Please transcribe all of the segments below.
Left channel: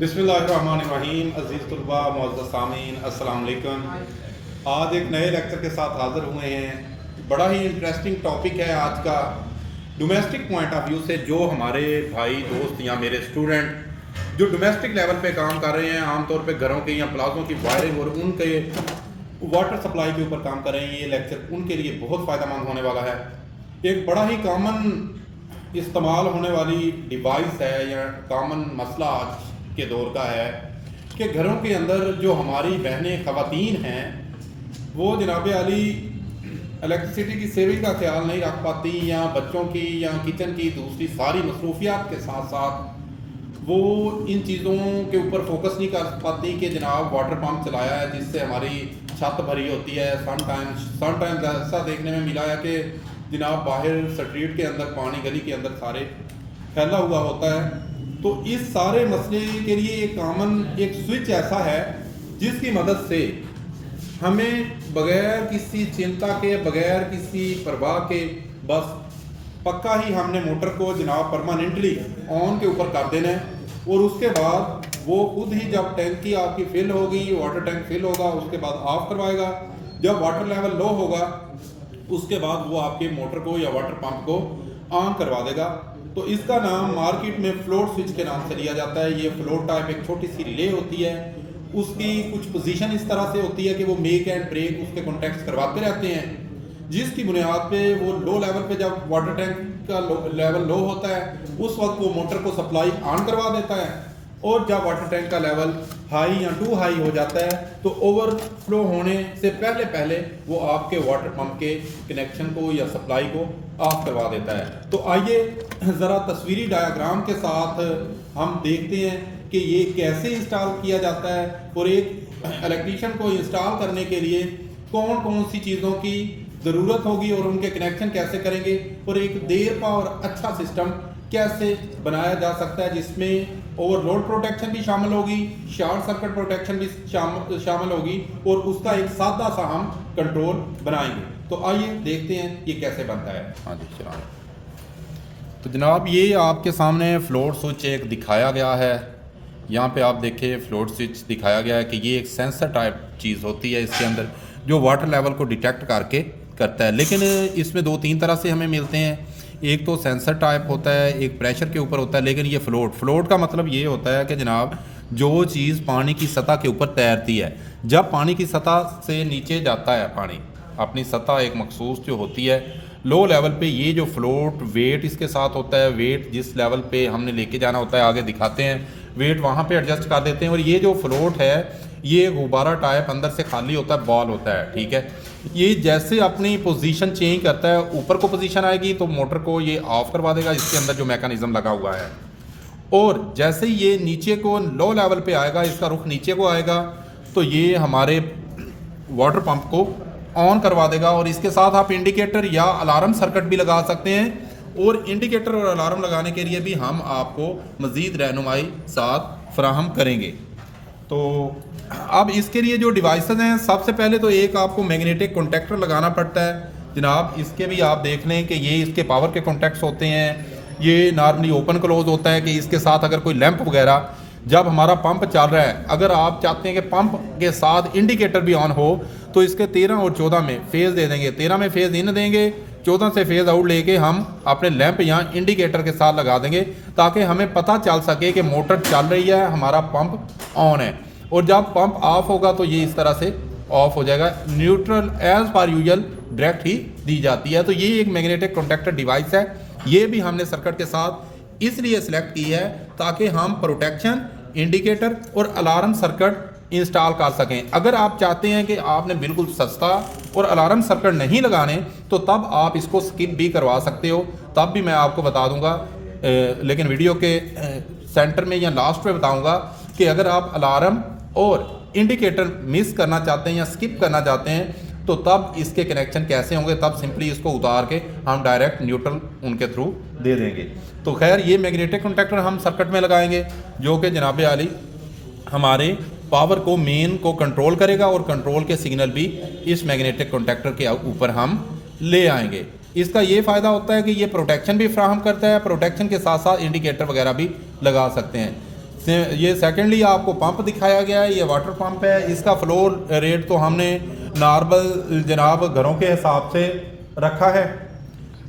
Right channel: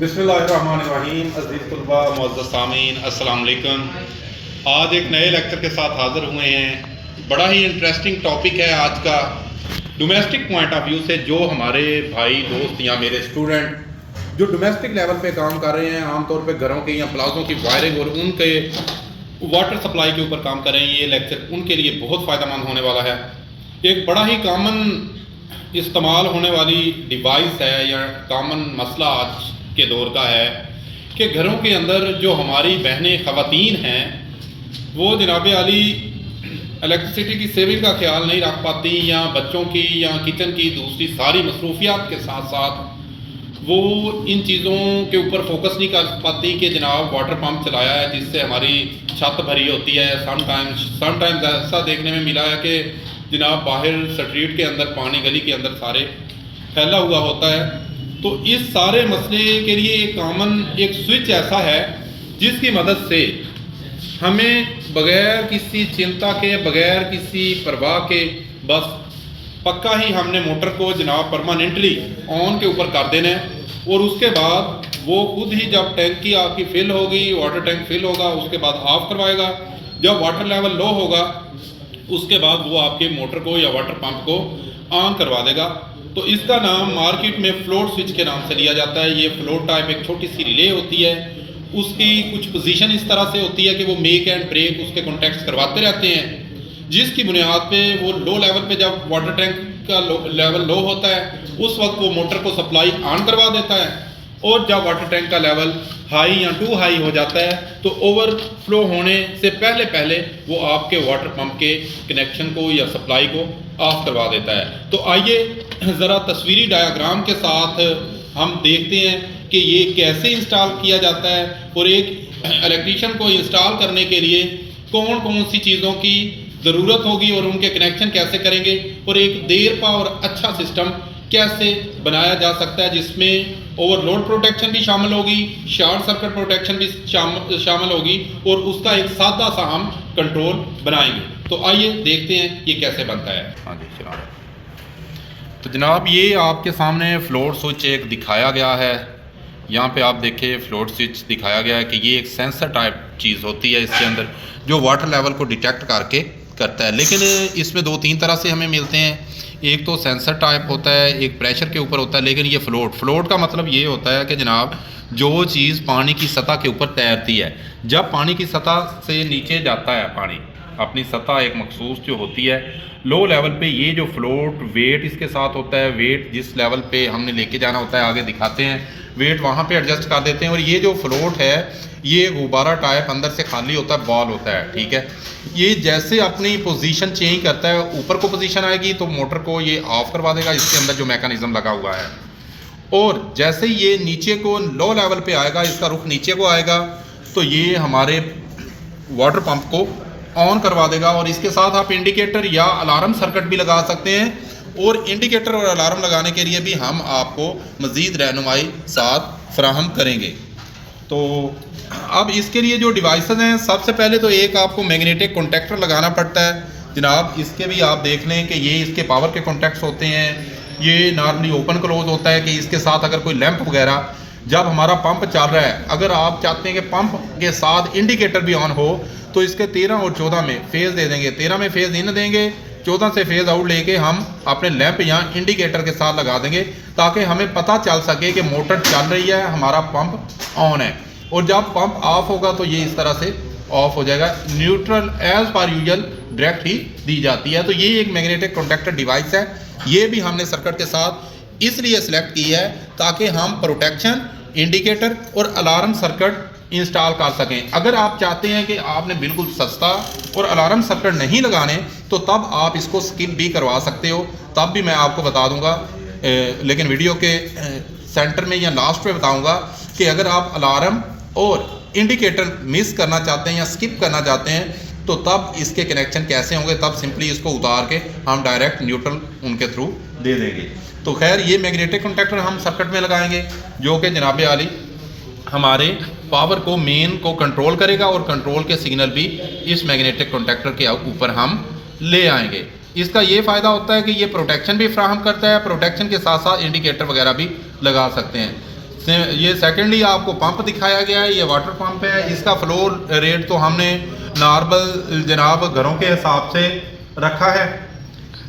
बिस्मिल्लाहिर्रहमानिर्रहीम। अज़ीज़ तलबा, मुअज़्ज़ज़ सामीन, अस्सलाम वालेकुम। आज एक नए लेक्चर के साथ हाज़िर हुए हैं। बड़ा ही इंटरेस्टिंग टॉपिक है आज का। डोमेस्टिक पॉइंट ऑफ व्यू से जो हमारे भाई दोस्त या मेरे स्टूडेंट जो डोमेस्टिक लेवल पे काम कर रहे हैं, आमतौर पे घरों के या प्लाज़ों की वायरिंग और उनके वाटर सप्लाई के ऊपर काम कर रहे हैं, ये लेक्चर उनके लिए बहुत फ़ायदेमंद होने वाला है। एक बड़ा ही कॉमन इस्तेमाल होने वाली डिवाइस है या कॉमन मसला आज के दौर का है कि घरों के अंदर जो हमारी बहनें ख़वातीन हैं वो जनाब आली इलेक्ट्रिसिटी की सेविंग का ख्याल नहीं रख पाती, या बच्चों की या किचन की दूसरी सारी मसरूफियात के साथ साथ वो इन चीज़ों के ऊपर फोकस नहीं कर पाती कि जनाब वाटर पंप चलाया है जिससे हमारी छत भरी होती है। समटाइम्स ऐसा देखने में मिला है कि जनाब बाहर स्ट्रीट के अंदर पानी गली के अंदर सारे फैला हुआ होता है। तो इस सारे मसले के लिए एक कॉमन एक स्विच ऐसा है जिसकी मदद से हमें बग़ैर किसी चिंता के, बग़ैर किसी परवाह के, बस पक्का ही हमने मोटर को जनाब परमानेंटली ऑन के ऊपर कर देना है और उसके बाद वो खुद ही जब टैंकी आपकी फिल होगी, वाटर टैंक फिल होगा, उसके बाद ऑफ करवाएगा। जब वाटर लेवल लो होगा उसके बाद वो आपके मोटर को या वाटर पंप को ऑन करवा देगा। तो इसका नाम मार्केट में फ्लोट स्विच के नाम से लिया जाता है। ये फ्लोट टाइप एक छोटी सी रिले होती है, उसकी कुछ पोजीशन इस तरह से होती है कि वो मेक एंड ब्रेक उसके कॉन्टैक्ट्स करवाते रहते हैं, जिसकी बुनियाद पे वो लो लेवल पे जब वाटर टैंक का लेवल लो होता है उस वक्त वो मोटर को सप्लाई ऑन करवा देता है, और जब वाटर टैंक का लेवल हाई या टू हाई हो जाता है तो ओवरफ्लो होने से पहले पहले वो आपके वाटर पंप के कनेक्शन को या सप्लाई को ऑफ करवा देता है। तो आइए ज़रा तस्वीरी डायग्राम के साथ हम देखते हैं कि ये कैसे इंस्टॉल किया जाता है और एक इलेक्ट्रीशियन को इंस्टॉल करने के लिए कौन कौन सी चीज़ों की ज़रूरत होगी और उनके कनेक्शन कैसे करेंगे, और एक देरपा और अच्छा सिस्टम कैसे बनाया जा सकता है जिसमें ओवरलोड प्रोटेक्शन भी शामिल होगी, शॉर्ट सर्किट प्रोटेक्शन भी शामिल होगी, और उसका एक सादा सा हम कंट्रोल बनाएंगे। तो आइए देखते हैं ये कैसे बनता है। हाँ जी, चला। तो जनाब ये आपके सामने फ्लोट स्विच एक दिखाया गया है। यहाँ पे आप देखिए फ्लोट स्विच दिखाया गया है कि ये एक सेंसर टाइप चीज़ होती है इसके अंदर जो वाटर लेवल को डिटेक्ट करके करता है। लेकिन इसमें दो तीन तरह से हमें मिलते हैं। एक तो सेंसर टाइप होता है, एक प्रेशर के ऊपर होता है, लेकिन ये फ्लोट का मतलब ये होता है कि जनाब जो चीज़ पानी की सतह के ऊपर तैरती है, जब पानी की सतह से नीचे जाता है पानी अपनी सतह एक मखसूस जो होती है लो लेवल पे, ये जो फ्लोट वेट इसके साथ होता है, वेट जिस लेवल पे हमने लेके जाना होता है आगे दिखाते हैं, वेट वहाँ पे एडजस्ट कर देते हैं। और ये जो फ्लोट है ये गुब्बारा टाइप अंदर से खाली होता है, बॉल होता है, ठीक है। ये जैसे अपनी पोजीशन चेंज करता है, ऊपर को पोजीशन आएगी तो मोटर को ये ऑफ करवा देगा, इसके अंदर जो मैकेनिज्म लगा हुआ है। और जैसे ही ये नीचे को लो लेवल पे आएगा, इसका रुख नीचे को आएगा, तो ये हमारे वाटर पंप को ऑन करवा देगा। और इसके साथ आप इंडिकेटर या अलार्म सर्किट भी लगा सकते हैं, और इंडिकेटर और अलार्म लगाने के लिए भी हम आपको मज़ीद रहनुमाई साथ फराहम करेंगे। तो अब इसके लिए जो डिवाइसेस हैं, सबसे पहले तो एक आपको मैग्नेटिक कॉन्टैक्टर लगाना पड़ता है जनाब। इसके भी आप देख लें कि ये इसके पावर के कॉन्टैक्ट्स होते हैं, ये नॉर्मली ओपन क्लोज होता है कि इसके साथ अगर कोई लैंप वगैरह जब हमारा पंप चल रहा है, अगर आप चाहते हैं कि पंप के साथ इंडिकेटर भी ऑन हो तो इसके 13 और 14 में फेज़ दे देंगे, 13 में फेज़ इन देंगे, 14 से फेज़ आउट लेके हम अपने लैंप या इंडिकेटर के साथ लगा देंगे ताकि हमें पता चल सके कि मोटर चल रही है, हमारा पंप ऑन है। और जब पंप ऑफ होगा तो ये इस तरह से ऑफ हो जाएगा। Neutral as per usual direct ही दी जाती है। तो ये एक मैग्नेटिक कॉन्टैक्टर डिवाइस है, ये भी हमने सर्किट के साथ इसलिए सिलेक्ट की है ताकि हम प्रोटेक्शन, इंडिकेटर और अलार्म सर्किट इंस्टॉल कर सकें। अगर आप चाहते हैं कि आपने बिल्कुल सस्ता और अलार्म सर्किट नहीं लगाने तो तब आप इसको स्किप भी करवा सकते हो, तब भी मैं आपको बता दूंगा, लेकिन वीडियो के सेंटर में या लास्ट में बताऊंगा कि अगर आप अलार्म और इंडिकेटर मिस करना चाहते हैं या स्किप करना चाहते हैं तो तब इसके कनेक्शन कैसे होंगे, तब सिंपली इसको उतार के हम डायरेक्ट न्यूट्रल उनके थ्रू दे देंगे। तो खैर ये मैग्नेटिक कॉन्टैक्टर हम सर्किट में लगाएंगे जो कि जनाब आली हमारे पावर को मेन को कंट्रोल करेगा, और कंट्रोल के सिग्नल भी इस मैग्नेटिक कॉन्टैक्टर के ऊपर हम ले आएंगे। इसका ये फ़ायदा होता है कि ये प्रोटेक्शन भी फ्राहम करता है, प्रोटेक्शन के साथ साथ इंडिकेटर वगैरह भी लगा सकते हैं। ये सेकेंडली आपको पंप दिखाया गया है, ये वाटर पंप है। इसका फ्लो रेट तो हमने नॉर्मल जनाब घरों के हिसाब से रखा है,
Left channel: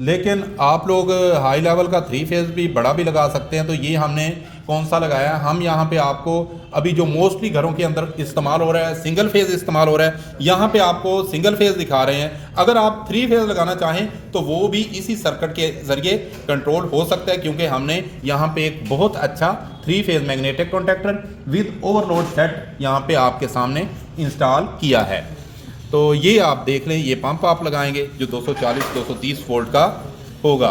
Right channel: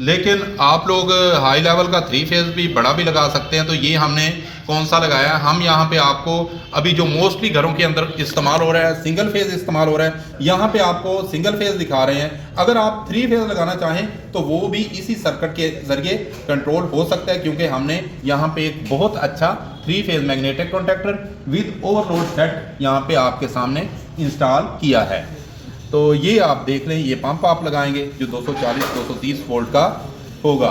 लेकिन आप लोग हाई लेवल का 3 फेज़ भी बड़ा भी लगा सकते हैं। तो ये हमने कौन सा लगाया है, हम यहाँ पे आपको अभी जो मोस्टली घरों के अंदर इस्तेमाल हो रहा है सिंगल फेज़ इस्तेमाल हो रहा है, यहाँ पे आपको सिंगल फेज़ दिखा रहे हैं। अगर आप 3 फेज़ लगाना चाहें तो वो भी इसी सर्किट के ज़रिए कंट्रोल हो सकता है, क्योंकि हमने यहाँ पे एक बहुत अच्छा 3 phase magnetic contactor with overload set यहाँ पे आपके सामने इंस्टॉल किया है। तो ये आप देख लें, ये पंप आप लगाएंगे जो 240-230 वोल्ट का होगा।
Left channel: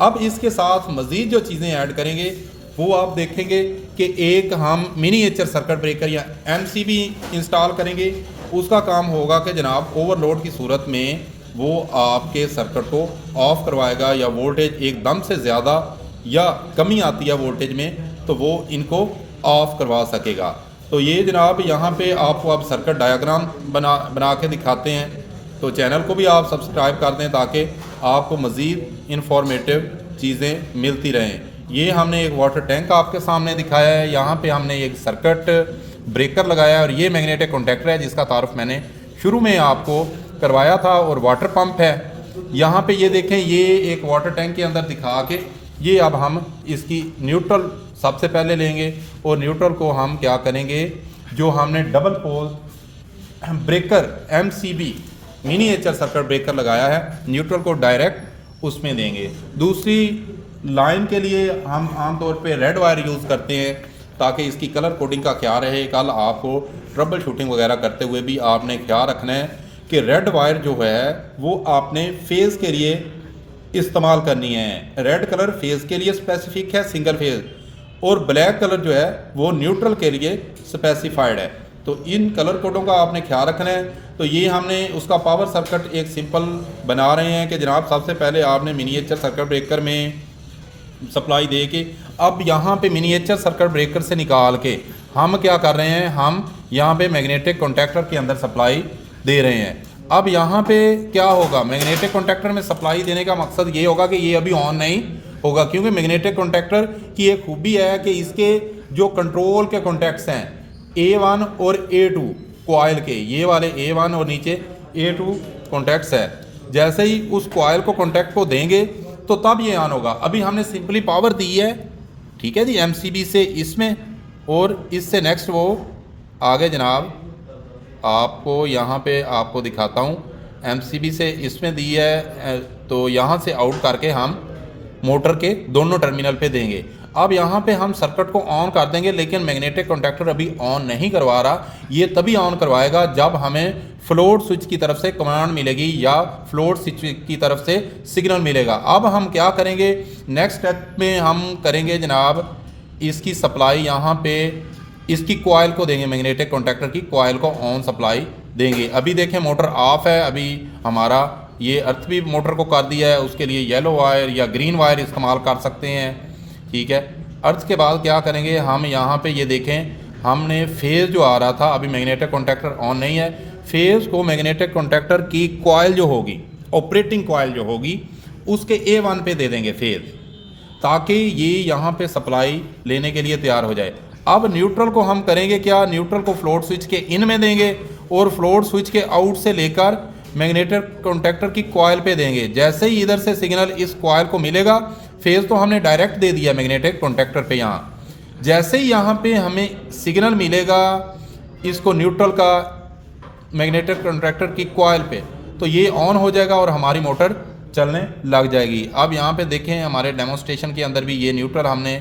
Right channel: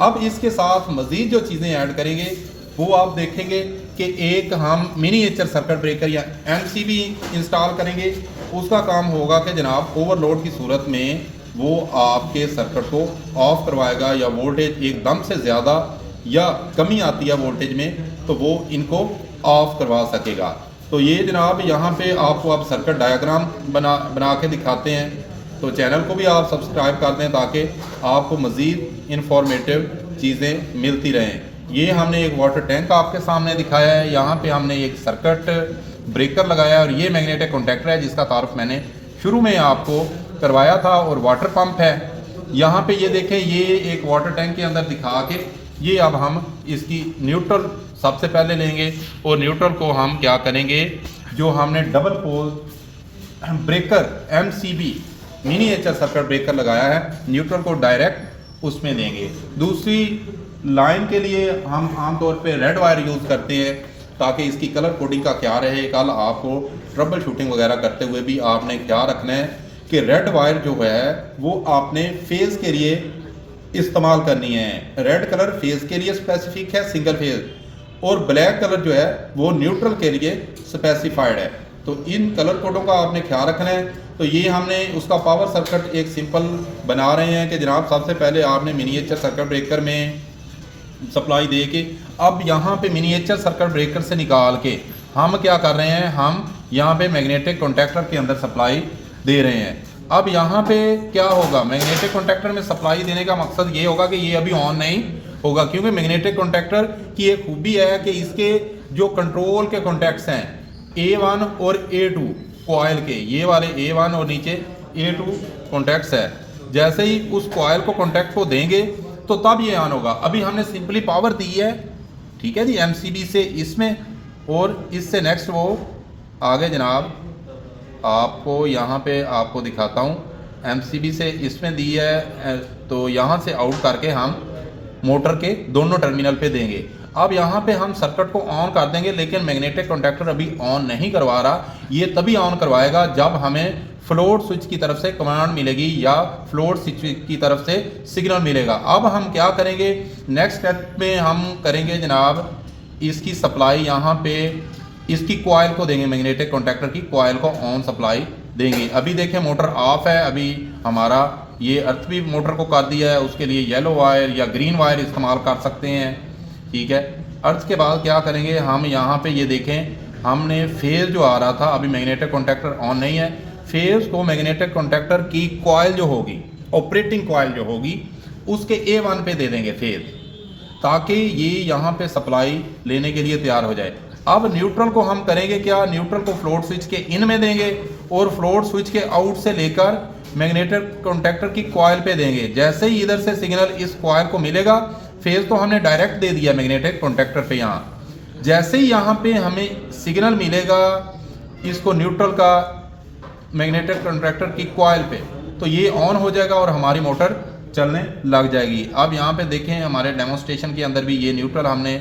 अब इसके साथ मज़ीद जो चीज़ें ऐड करेंगे वो आप देखेंगे कि एक हम मिनीएचर सर्किट ब्रेकर या MCB इंस्टॉल करेंगे। उसका काम होगा कि जनाब ओवरलोड की सूरत में वो आपके सर्किट को ऑफ करवाएगा, या वोल्टेज एकदम से ज़्यादा या कमी आती है वोल्टेज में तो वो इनको ऑफ करवा सकेगा। तो ये जनाब यहाँ पे आपको आप सर्किट डायग्राम बना के दिखाते हैं। तो चैनल को भी आप सब्सक्राइब कर दें ताकि आपको मज़ीद इंफॉर्मेटिव चीज़ें मिलती रहें। ये हमने एक वाटर टैंक आपके सामने दिखाया है, यहाँ पे हमने एक सर्किट ब्रेकर लगाया है और ये मैग्नेटिक कॉन्टैक्टर है जिसका तारुफ मैंने शुरू में आपको करवाया था। और वाटर पंप है यहाँ पे, ये देखें, ये एक वाटर टैंक के अंदर दिखा के ये अब हम इसकी न्यूट्रल सबसे पहले लेंगे और न्यूट्रल को हम क्या करेंगे, जो हमने double pole breaker MCB miniature circuit breaker लगाया है, न्यूट्रल को डायरेक्ट उसमें देंगे। दूसरी लाइन के लिए हम आमतौर पे रेड वायर यूज़ करते हैं ताकि इसकी कलर कोडिंग का ख्याल रहे। कल आपको ट्रबल शूटिंग वगैरह करते हुए भी आपने ख्याल रखना है कि रेड वायर जो है वो आपने फेज़ के लिए इस्तेमाल करनी है। रेड कलर फेज़ के लिए स्पेसिफिक है सिंगल फेज़, और ब्लैक कलर जो है वो न्यूट्रल के लिए स्पेसिफाइड है। तो इन कलर कोडों का आपने ख्याल रखना है। तो ये हमने उसका पावर सर्किट एक सिंपल बना रहे हैं कि जनाब सबसे पहले आपने मिनीएचर सर्किट ब्रेकर में सप्लाई दे के अब यहाँ पे मिनीएचर सर्किट ब्रेकर से निकाल के हम क्या कर रहे हैं, हम यहाँ पे मैग्नेटिक कॉन्टैक्टर के अंदर सप्लाई दे रहे हैं। अब यहाँ पे क्या होगा, मैग्नेटिक कॉन्टैक्टर में सप्लाई देने का मकसद ये होगा कि ये अभी ऑन नहीं होगा, क्योंकि मैग्नेटिक कॉन्टैक्टर की एक खूबी है कि इसके जो कंट्रोल के कॉन्टैक्ट्स हैं A1 और A2 कॉइल के, ये वाले A1 और नीचे A2 कॉन्टैक्ट्स है, जैसे ही उस कॉइल को कॉन्टैक्ट को देंगे तो तब ये ऑन होगा। अभी हमने सिंपली पावर दी है, ठीक है जी, MCB से इसमें, और इससे नेक्स्ट वो आगे जनाब आपको यहाँ पे आपको दिखाता हूँ, MCB से इसमें दी है तो यहाँ से आउट करके हम मोटर के दोनों टर्मिनल पे देंगे। अब यहाँ पे हम सर्किट को ऑन कर देंगे, लेकिन मैग्नेटिक कॉन्टैक्टर अभी ऑन नहीं करवा रहा। ये तभी ऑन करवाएगा जब हमें फ्लोट स्विच की तरफ से कमांड मिलेगी या फ्लोट स्विच की तरफ से सिग्नल मिलेगा। अब हम क्या करेंगे, नेक्स्ट स्टेप में हम करेंगे जनाब इसकी सप्लाई यहाँ पे इसकी कॉइल को देंगे, मैग्नेटिक कॉन्टैक्टर की कॉइल को ऑन सप्लाई देंगे। अभी देखें मोटर ऑफ है, अभी हमारा ये अर्थ भी मोटर को कर दिया है, उसके लिए येलो वायर या ग्रीन वायर इस्तेमाल कर सकते हैं, ठीक है। अर्थ के बाद क्या करेंगे, हम यहाँ पे ये देखें हमने फेज़ जो आ रहा था, अभी मैग्नेटिक कॉन्टैक्टर ऑन नहीं है, फेज़ को मैग्नेटिक कॉन्टैक्टर की कॉइल जो होगी, ऑपरेटिंग कॉइल जो होगी, उसके A1 पे दे देंगे फेज़, ताकि ये यहाँ पे सप्लाई लेने के लिए तैयार हो जाए। अब न्यूट्रल को हम करेंगे क्या, न्यूट्रल को फ्लोट स्विच के इन में देंगे और फ्लोट स्विच के आउट से लेकर मैग्नेटिक कॉन्टैक्टर की कॉइल पे देंगे। जैसे ही इधर से सिग्नल इस कॉइल को मिलेगा, फेज़ तो हमने डायरेक्ट दे दिया मैग्नेटिक कॉन्टैक्टर पे, यहाँ जैसे ही यहाँ पे हमें सिग्नल मिलेगा इसको न्यूट्रल का मैग्नेटिक कॉन्टैक्टर की कॉइल पे, तो ये ऑन हो जाएगा और हमारी मोटर चलने लग जाएगी। अब यहाँ पे देखें हमारे डेमोन्स्ट्रेशन के अंदर भी ये न्यूट्रल हमने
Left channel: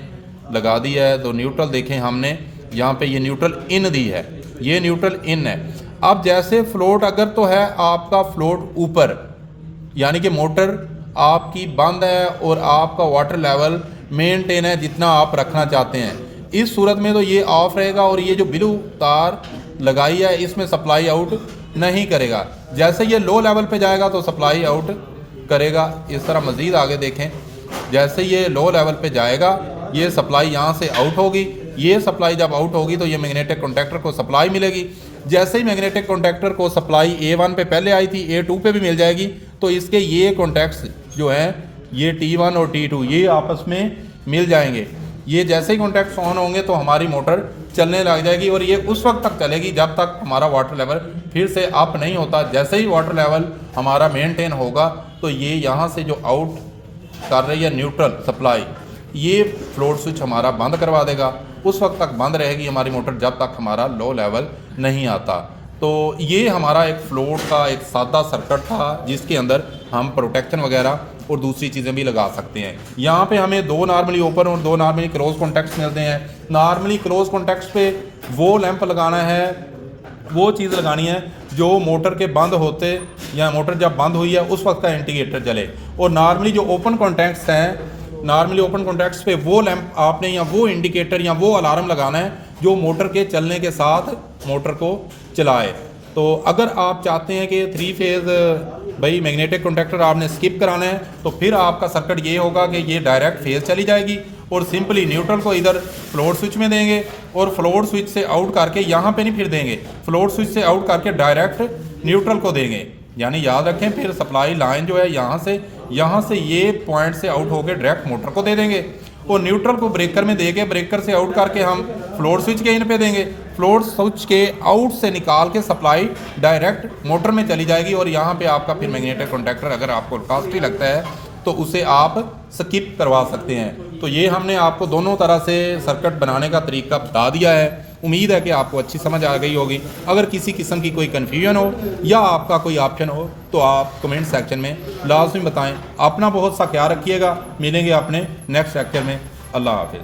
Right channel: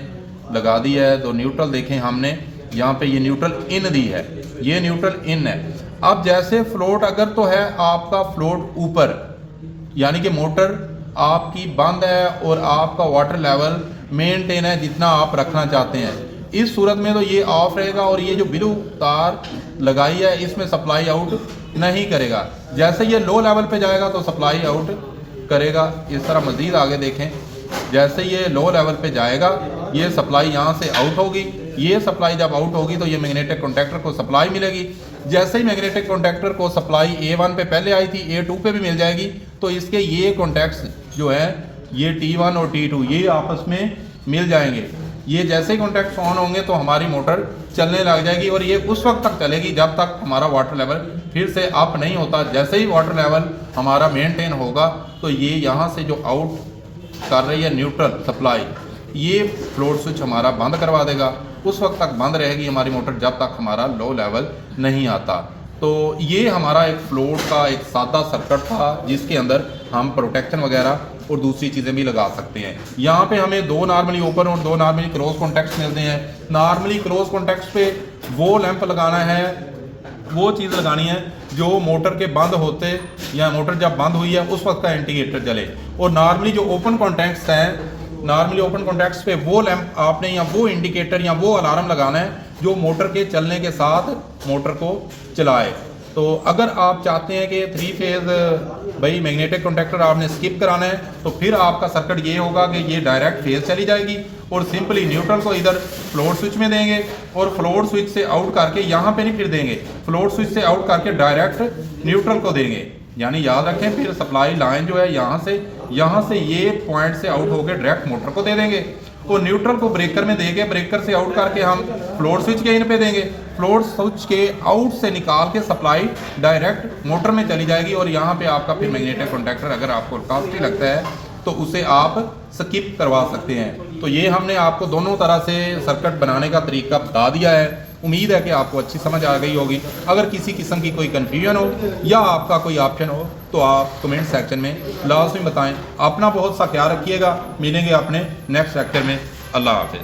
लगा दिया है। तो न्यूट्रल देखें हमने यहाँ पे ये न्यूट्रल इन दी है, ये न्यूट्रल इन है। अब जैसे फ्लोट अगर तो है आपका फ्लोट ऊपर, यानी कि मोटर आपकी बंद है और आपका वाटर लेवल मेंटेन है जितना आप रखना चाहते हैं, इस सूरत में तो ये ऑफ रहेगा और ये जो ब्लू तार लगाई है इसमें सप्लाई आउट नहीं करेगा। जैसे ये लो लेवल पे जाएगा तो सप्लाई आउट करेगा। इस तरह मज़ीद आगे देखें, जैसे ये लो लेवल पे जाएगा ये सप्लाई यहाँ से आउट होगी, ये सप्लाई जब आउट होगी तो ये मैग्नेटिक कॉन्टैक्टर को सप्लाई मिलेगी। जैसे ही मैग्नेटिक कॉन्टैक्टर को सप्लाई A1 पे पहले आई थी, A2 पे भी मिल जाएगी, तो इसके ये कॉन्टैक्ट्स जो है ये T1 और T2 ये आपस में मिल जाएंगे। ये जैसे ही कॉन्टैक्ट्स ऑन होंगे तो हमारी मोटर चलने लग जाएगी और ये उस वक्त तक चलेगी जब तक हमारा वाटर लेवल फिर से अप नहीं होता। जैसे ही वाटर लेवल हमारा मेंटेन होगा तो ये यहाँ से जो आउट कर रही है न्यूट्रल सप्लाई, ये फ्लोट स्विच हमारा बंद करवा देगा। उस वक्त तक बंद रहेगी हमारी मोटर जब तक हमारा लो लेवल नहीं आता। तो ये हमारा एक फ्लोट का एक सादा सर्किट था जिसके अंदर हम प्रोटेक्शन वगैरह और दूसरी चीज़ें भी लगा सकते हैं। यहाँ पे हमें दो नॉर्मली ओपन और दो नॉर्मली क्लोज कॉन्टैक्ट्स मिलते हैं। नॉर्मली क्लोज कॉन्टैक्ट्स पे वो लैंप लगाना है, वो चीज़ लगानी है जो मोटर के बंद होते या मोटर जब बंद हुई है उस वक्त का इंडिकेटर जले। और नॉर्मली जो ओपन कॉन्टैक्ट्स हैं, नॉर्मली ओपन कॉन्टैक्ट्स पे वो लैंप आपने या वो इंडिकेटर या वो अलार्म लगाना है जो मोटर के चलने के साथ मोटर को चलाए। तो अगर आप चाहते हैं कि 3 फेज़ भाई मैग्नेटिक कॉन्टैक्टर आपने स्किप कराना है तो फिर आपका सर्किट ये होगा कि ये डायरेक्ट फेज़ चली जाएगी और सिंपली न्यूट्रल को इधर फ्लोट स्विच में देंगे और फ्लोट स्विच से आउट करके यहाँ पे नहीं फिर देंगे, फ्लोट स्विच से आउट करके डायरेक्ट न्यूट्रल को देंगे। यानी याद रखें फिर सप्लाई लाइन जो है यहाँ से ये पॉइंट से आउट होकर डायरेक्ट मोटर को दे देंगे और न्यूट्रल को ब्रेकर में देके ब्रेकर से आउट करके हम फ्लोट स्विच के इन पे देंगे। फ्लोट स्विच के आउट से निकाल के सप्लाई डायरेक्ट मोटर में चली जाएगी और यहाँ पे आपका फिर मैग्नेटिक कॉन्टैक्टर अगर आपको कॉस्टली लगता है तो उसे आप स्किप करवा सकते हैं। तो ये हमने आपको दोनों तरह से सर्किट बनाने का तरीका बता दिया है। उम्मीद है कि आपको अच्छी समझ आ गई होगी। अगर किसी किस्म की कोई कन्फ्यूजन हो या आपका कोई ऑप्शन हो तो आप कमेंट सेक्शन में लाजमी बताएं। अपना बहुत सा ख्याल रखिएगा। मिलेंगे अपने नेक्स्ट लेक्चर में। अल्लाह हाफिज़।